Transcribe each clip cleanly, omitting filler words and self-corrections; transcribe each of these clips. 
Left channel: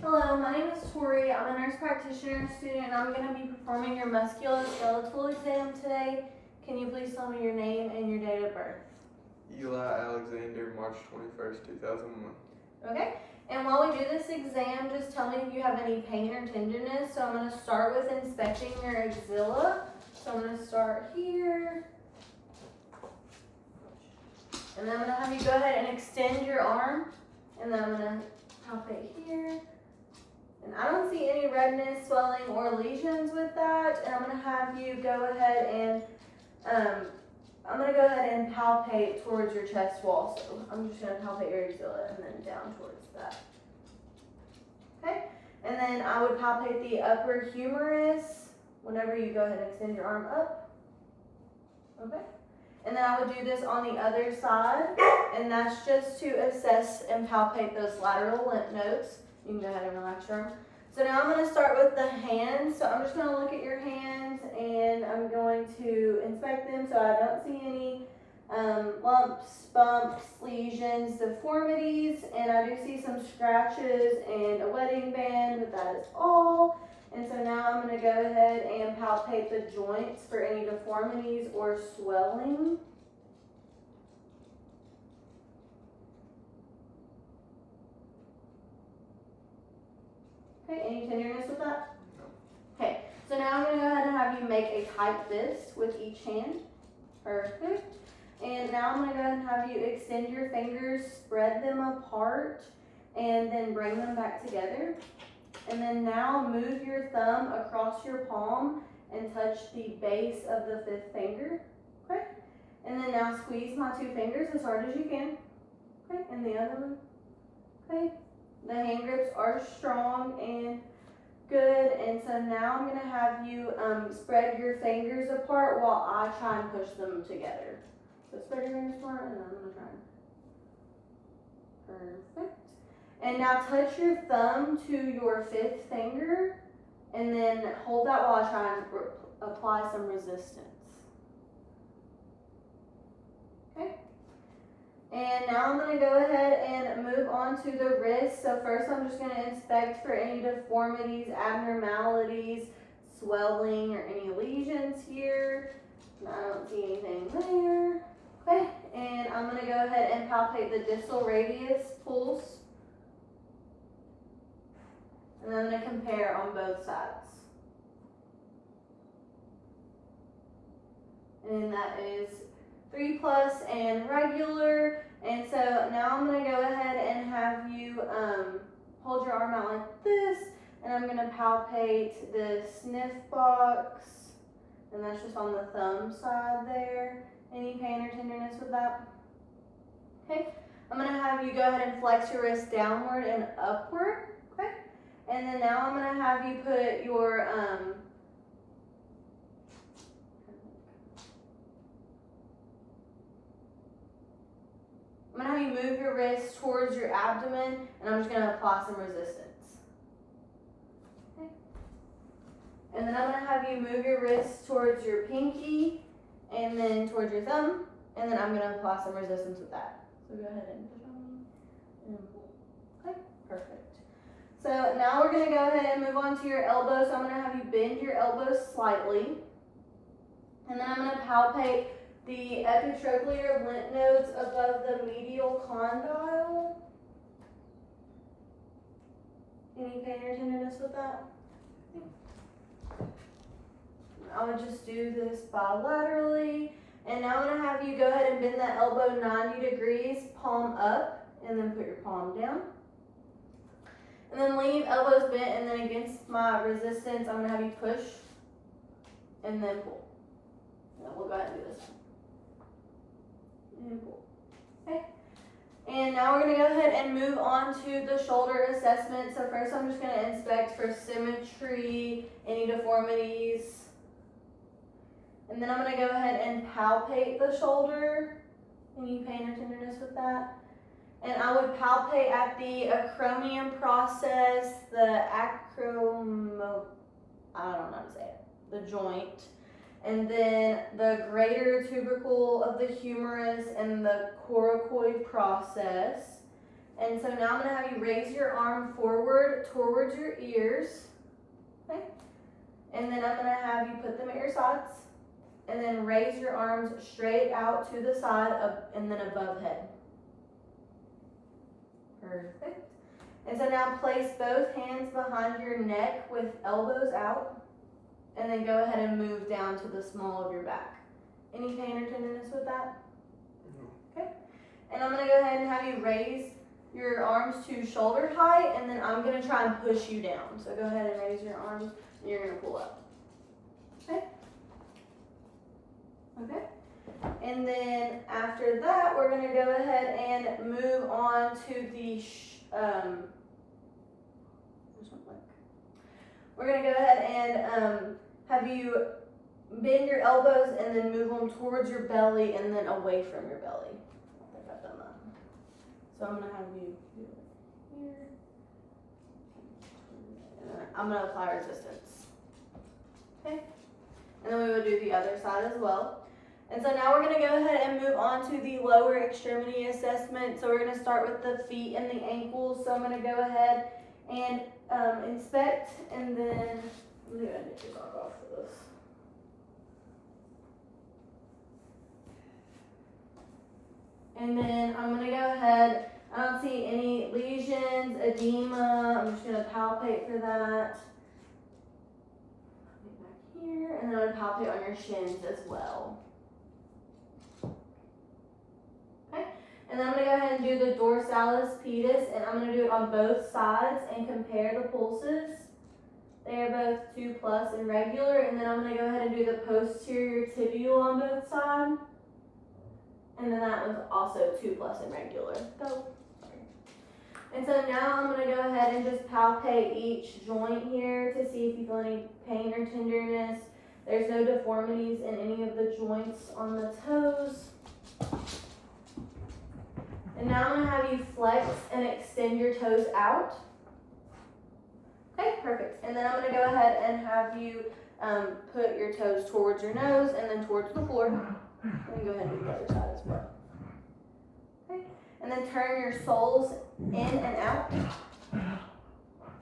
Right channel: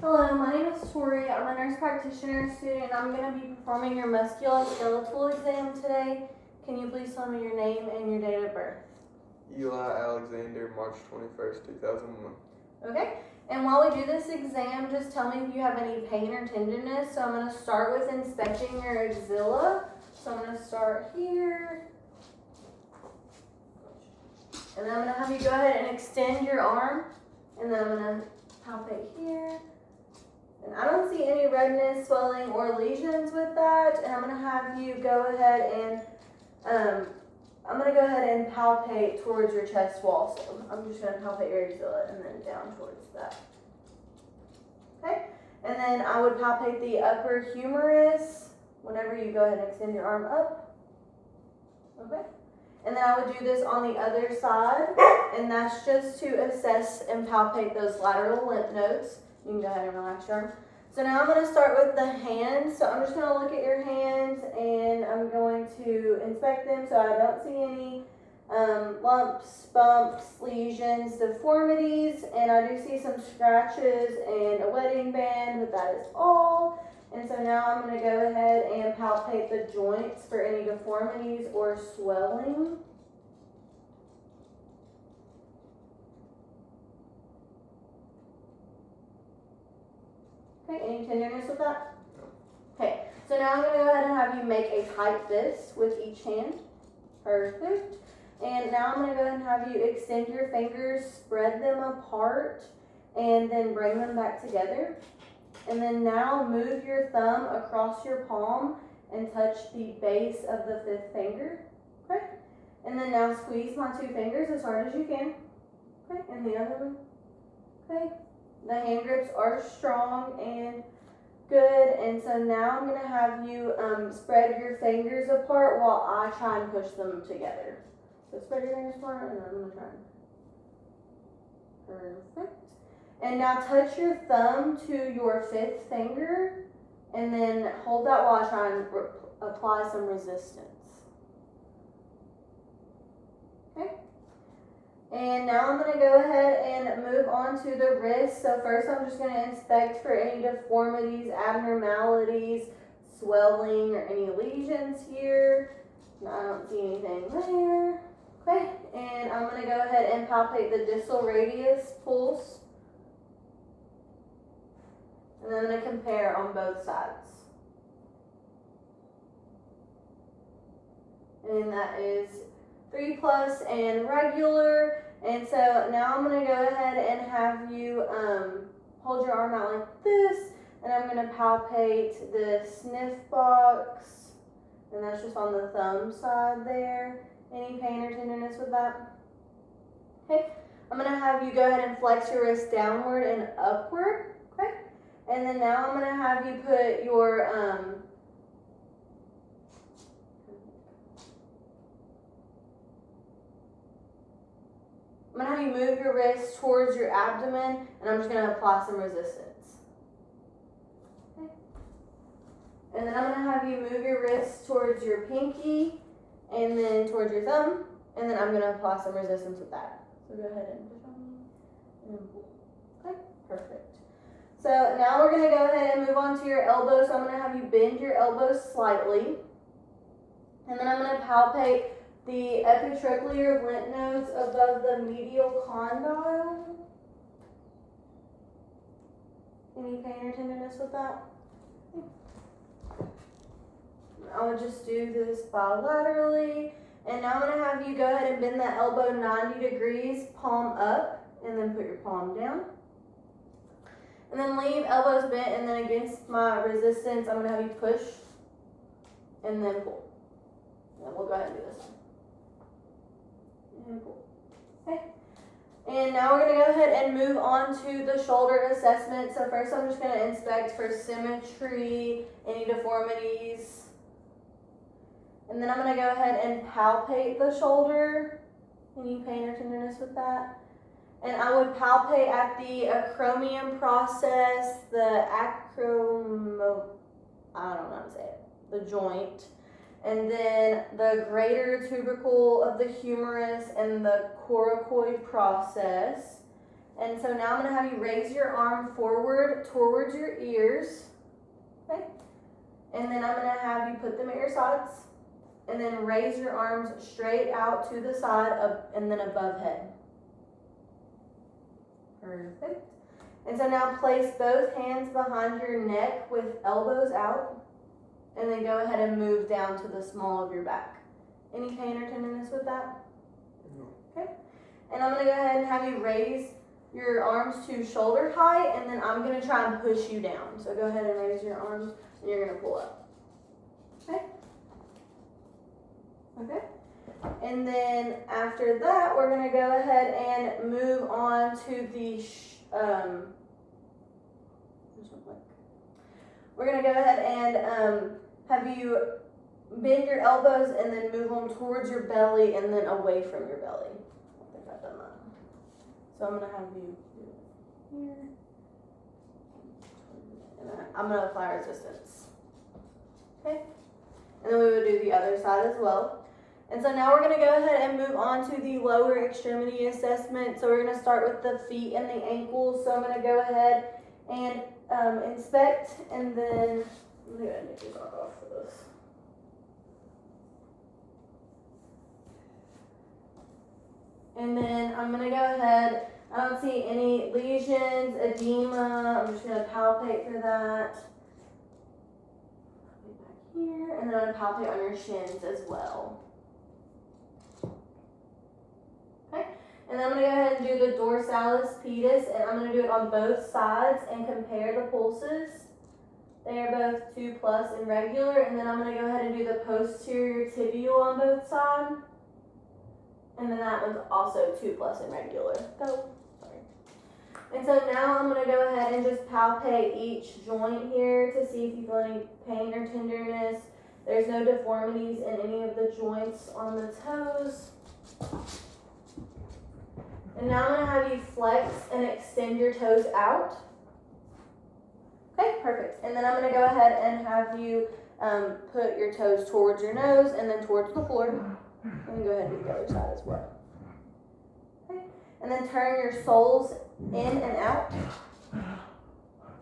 Hello, my name is Tori. I'm a nurse practitioner student and I'm going to be performing your musculoskeletal exam today. Can you please tell me your name and your date of birth? Eli Alexander, March 21st, 2001. Okay, and while we do this exam, just tell me if you have any pain or tenderness. So I'm going to start with inspecting your axilla. So I'm going to start here. And then I'm going to have you go ahead and extend your arm. And then I'm going to palpate here. And I don't see any redness, swelling, or lesions with that. And I'm going to have you go ahead and palpate towards your chest wall. So I'm just going to palpate your axilla and then down towards that. Okay? And then I would palpate the upper humerus whenever you go ahead and extend your arm up. Okay? And then I would do this on the other side. And that's just to assess and palpate those lateral lymph nodes. You can go ahead and relax your arm. So now I'm going to start with the hands. So I'm just going to look at your hands and I'm going to inspect them so I don't see any lumps, bumps, lesions, deformities. And I do see some scratches and a wedding band, but that is all. And so now I'm going to go ahead and palpate the joints for any deformities or swelling. Okay, any tenderness with that? No. Okay, so now I'm going to go ahead and have you make a tight fist with each hand. Perfect. And now I'm going to go ahead and have you extend your fingers, spread them apart, and then bring them back together. And then now move your thumb across your palm and touch the base of the fifth finger. Okay? And then now squeeze my two fingers as hard as you can. Okay, and the other one. Okay. The hand grips are strong and good, and so now I'm going to have you spread your fingers apart while I try and push them together. So spread your fingers apart, and I'm going to try. Perfect. And now touch your thumb to your fifth finger, and then hold that while I try and apply some resistance. Okay. And now I'm going to go ahead and move on to the wrist. So first I'm just going to inspect for any deformities, abnormalities, swelling, or any lesions here. I don't see anything there. Okay, and I'm going to go ahead and palpate the distal radius pulse. And I'm going to compare on both sides. And that is 3+ and regular. And so now I'm going to go ahead and have you hold your arm out like this, and I'm going to palpate the sniff box, and that's just on the thumb side there. Any pain or tenderness with that? Okay, I'm going to have you go ahead and flex your wrist downward and upward. Okay, and then now I'm going to have you put your I'm going to have you move your wrist towards your abdomen, and I'm just going to apply some resistance. Okay. And then I'm going to have you move your wrist towards your pinky, and then towards your thumb, and then I'm going to apply some resistance with that. So go ahead and push on me, and pull. Okay, perfect. So now we're going to go ahead and move on to your elbow. So I'm going to have you bend your elbows slightly, and then I'm going to palpate the epitrochlear lymph nodes above the medial condyle. Any pain or tenderness with that? I would just do this bilaterally. And now I'm going to have you go ahead and bend that elbow 90 degrees, palm up, and then put your palm down. And then leave elbows bent, and then against my resistance, I'm going to have you push and then pull. And we'll go ahead and do this one. And pull. Okay. And now we're going to go ahead and move on to the shoulder assessment. So first I'm just going to inspect for symmetry, any deformities. And then I'm going to go ahead and palpate the shoulder. Any pain or tenderness with that? And I would palpate at the acromion process, the I don't know how to say it, the joint. And then the greater tubercle of the humerus and the coracoid process. And so now I'm gonna have you raise your arm forward towards your ears, okay? And then I'm gonna have you put them at your sides, and then raise your arms straight out to the side and then above head. Perfect. And so now place both hands behind your neck with elbows out, and then go ahead and move down to the small of your back. Any pain or tenderness with that? No. Okay. And I'm gonna go ahead and have you raise your arms to shoulder height, and then I'm gonna try and push you down. So go ahead and raise your arms, and you're gonna pull up. Okay? Okay. And then after that, we're gonna go ahead and move on to the, we're gonna go ahead and have you bend your elbows and then move them towards your belly and then away from your belly. I think I've done that. So I'm gonna have you do it here. And then I'm gonna apply resistance. Okay? And then we will do the other side as well. And so now we're gonna go ahead and move on to the lower extremity assessment. So we're gonna start with the feet and the ankles. So I'm gonna go ahead and inspect, and then I'm gonna go ahead and take your sock off for this. And then I'm gonna go ahead, I don't see any lesions, edema, I'm just gonna palpate for that. Back here, and then I'm gonna palpate on your shins as well. Okay, and then I'm gonna go ahead and do the dorsalis pedis, and I'm gonna do it on both sides and compare the pulses. They are both 2+ and regular, and then I'm gonna go ahead and do the posterior tibial on both sides. And then that one's also 2+ and regular. Go. Sorry. And so now I'm gonna go ahead and just palpate each joint here to see if you feel any pain or tenderness. There's no deformities in any of the joints on the toes. And now I'm gonna have you flex and extend your toes out. Okay, perfect. And then I'm gonna go ahead and have you put your toes towards your nose and then towards the floor. And go ahead and do the other side as well. Okay, and then turn your soles in and out.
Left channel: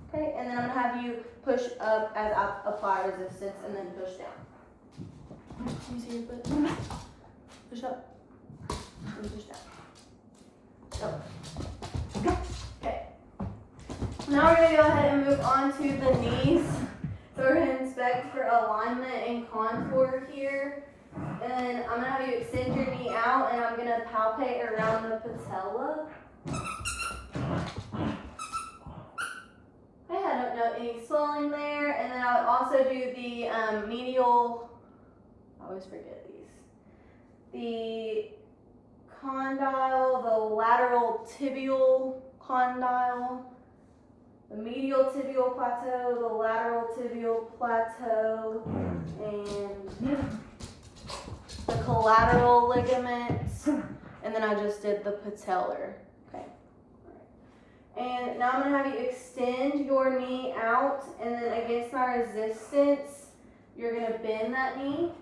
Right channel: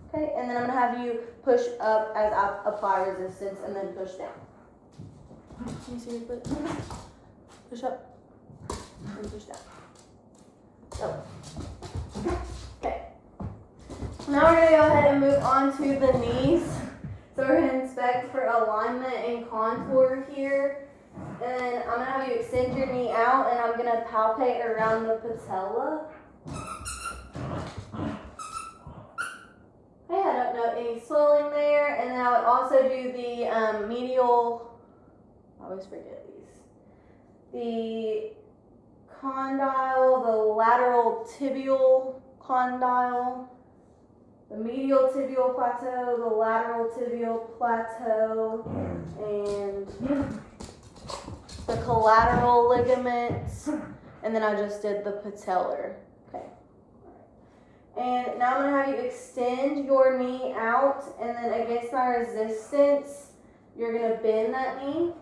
Okay, and then I'm gonna have you push up as I apply resistance and then push down. Can you see your foot? Push up and push down. Oh. Okay. Now we're gonna go ahead and move on to the knees. So we're gonna inspect for alignment and contour here. And then I'm gonna have you extend your knee out, and I'm gonna palpate around the patella. Okay, I don't know any swelling there. And then I would also do the medial, I always forget these. The condyle, the lateral tibial condyle, the medial tibial plateau, the lateral tibial plateau, and the collateral ligaments, and then I just did the patellar. Okay. All right. And now I'm gonna have you extend your knee out, and then against my resistance, you're gonna bend that knee.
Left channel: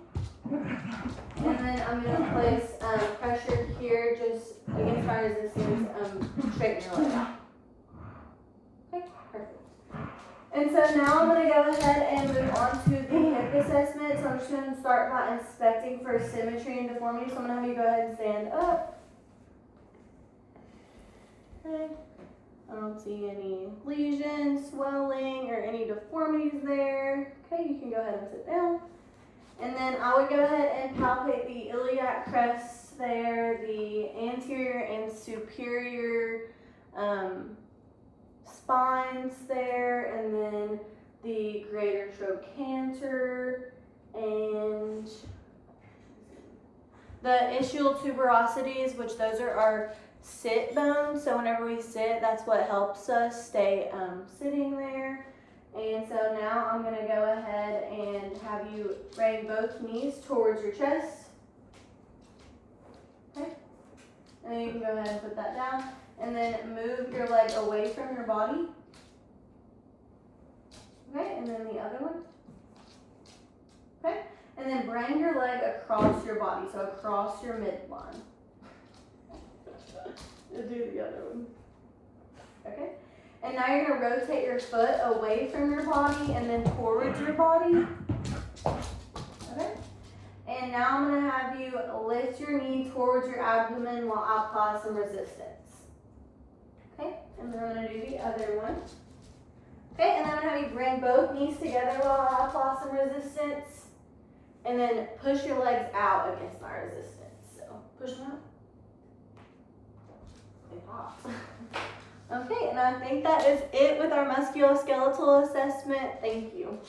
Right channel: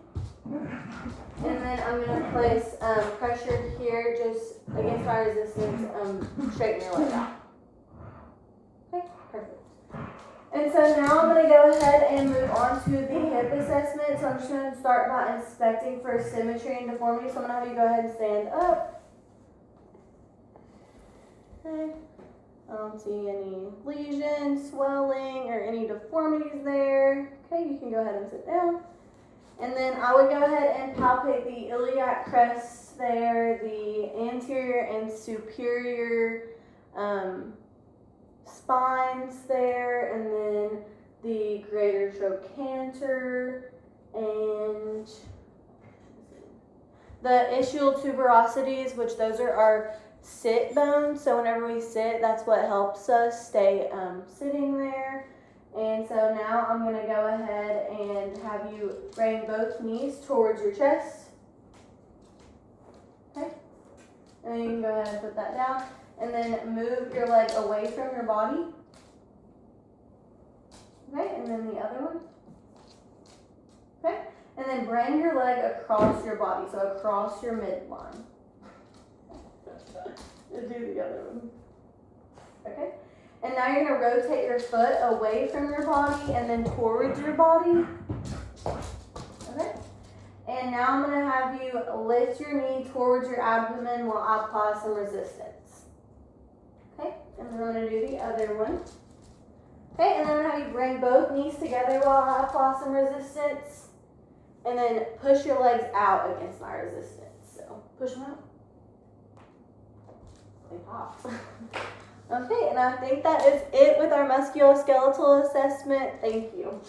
And then I'm gonna place pressure here just against my resistance, straighten your leg out. Okay, perfect. And so now I'm gonna go ahead and move on to the hip assessment. So I'm just gonna start by inspecting for symmetry and deformity. So I'm gonna have you go ahead and stand up. Okay. I don't see any lesions, swelling, or any deformities there. Okay, you can go ahead and sit down. And then I would go ahead and palpate the iliac crest there, the anterior and superior spines there, and then the greater trochanter and the ischial tuberosities, which those are our sit bones. So whenever we sit, that's what helps us stay sitting there. And so now I'm going to go ahead and have you bring both knees towards your chest. Okay. And then you can go ahead and put that down. And then move your leg away from your body. Okay, and then the other one. Okay, and then bring your leg across your body, so across your midline. Do the other one. Okay? And now you're gonna rotate your foot away from your body and then towards your body. Okay? And now I'm gonna have you lift your knee towards your abdomen while I apply some resistance. Okay? And then I'm gonna do the other one. Okay, and then I'm gonna have you bring both knees together while I apply some resistance. And then push your legs out against my resistance. So push them out. They pop. Okay, and I think that is it with our musculoskeletal assessment. Thank you.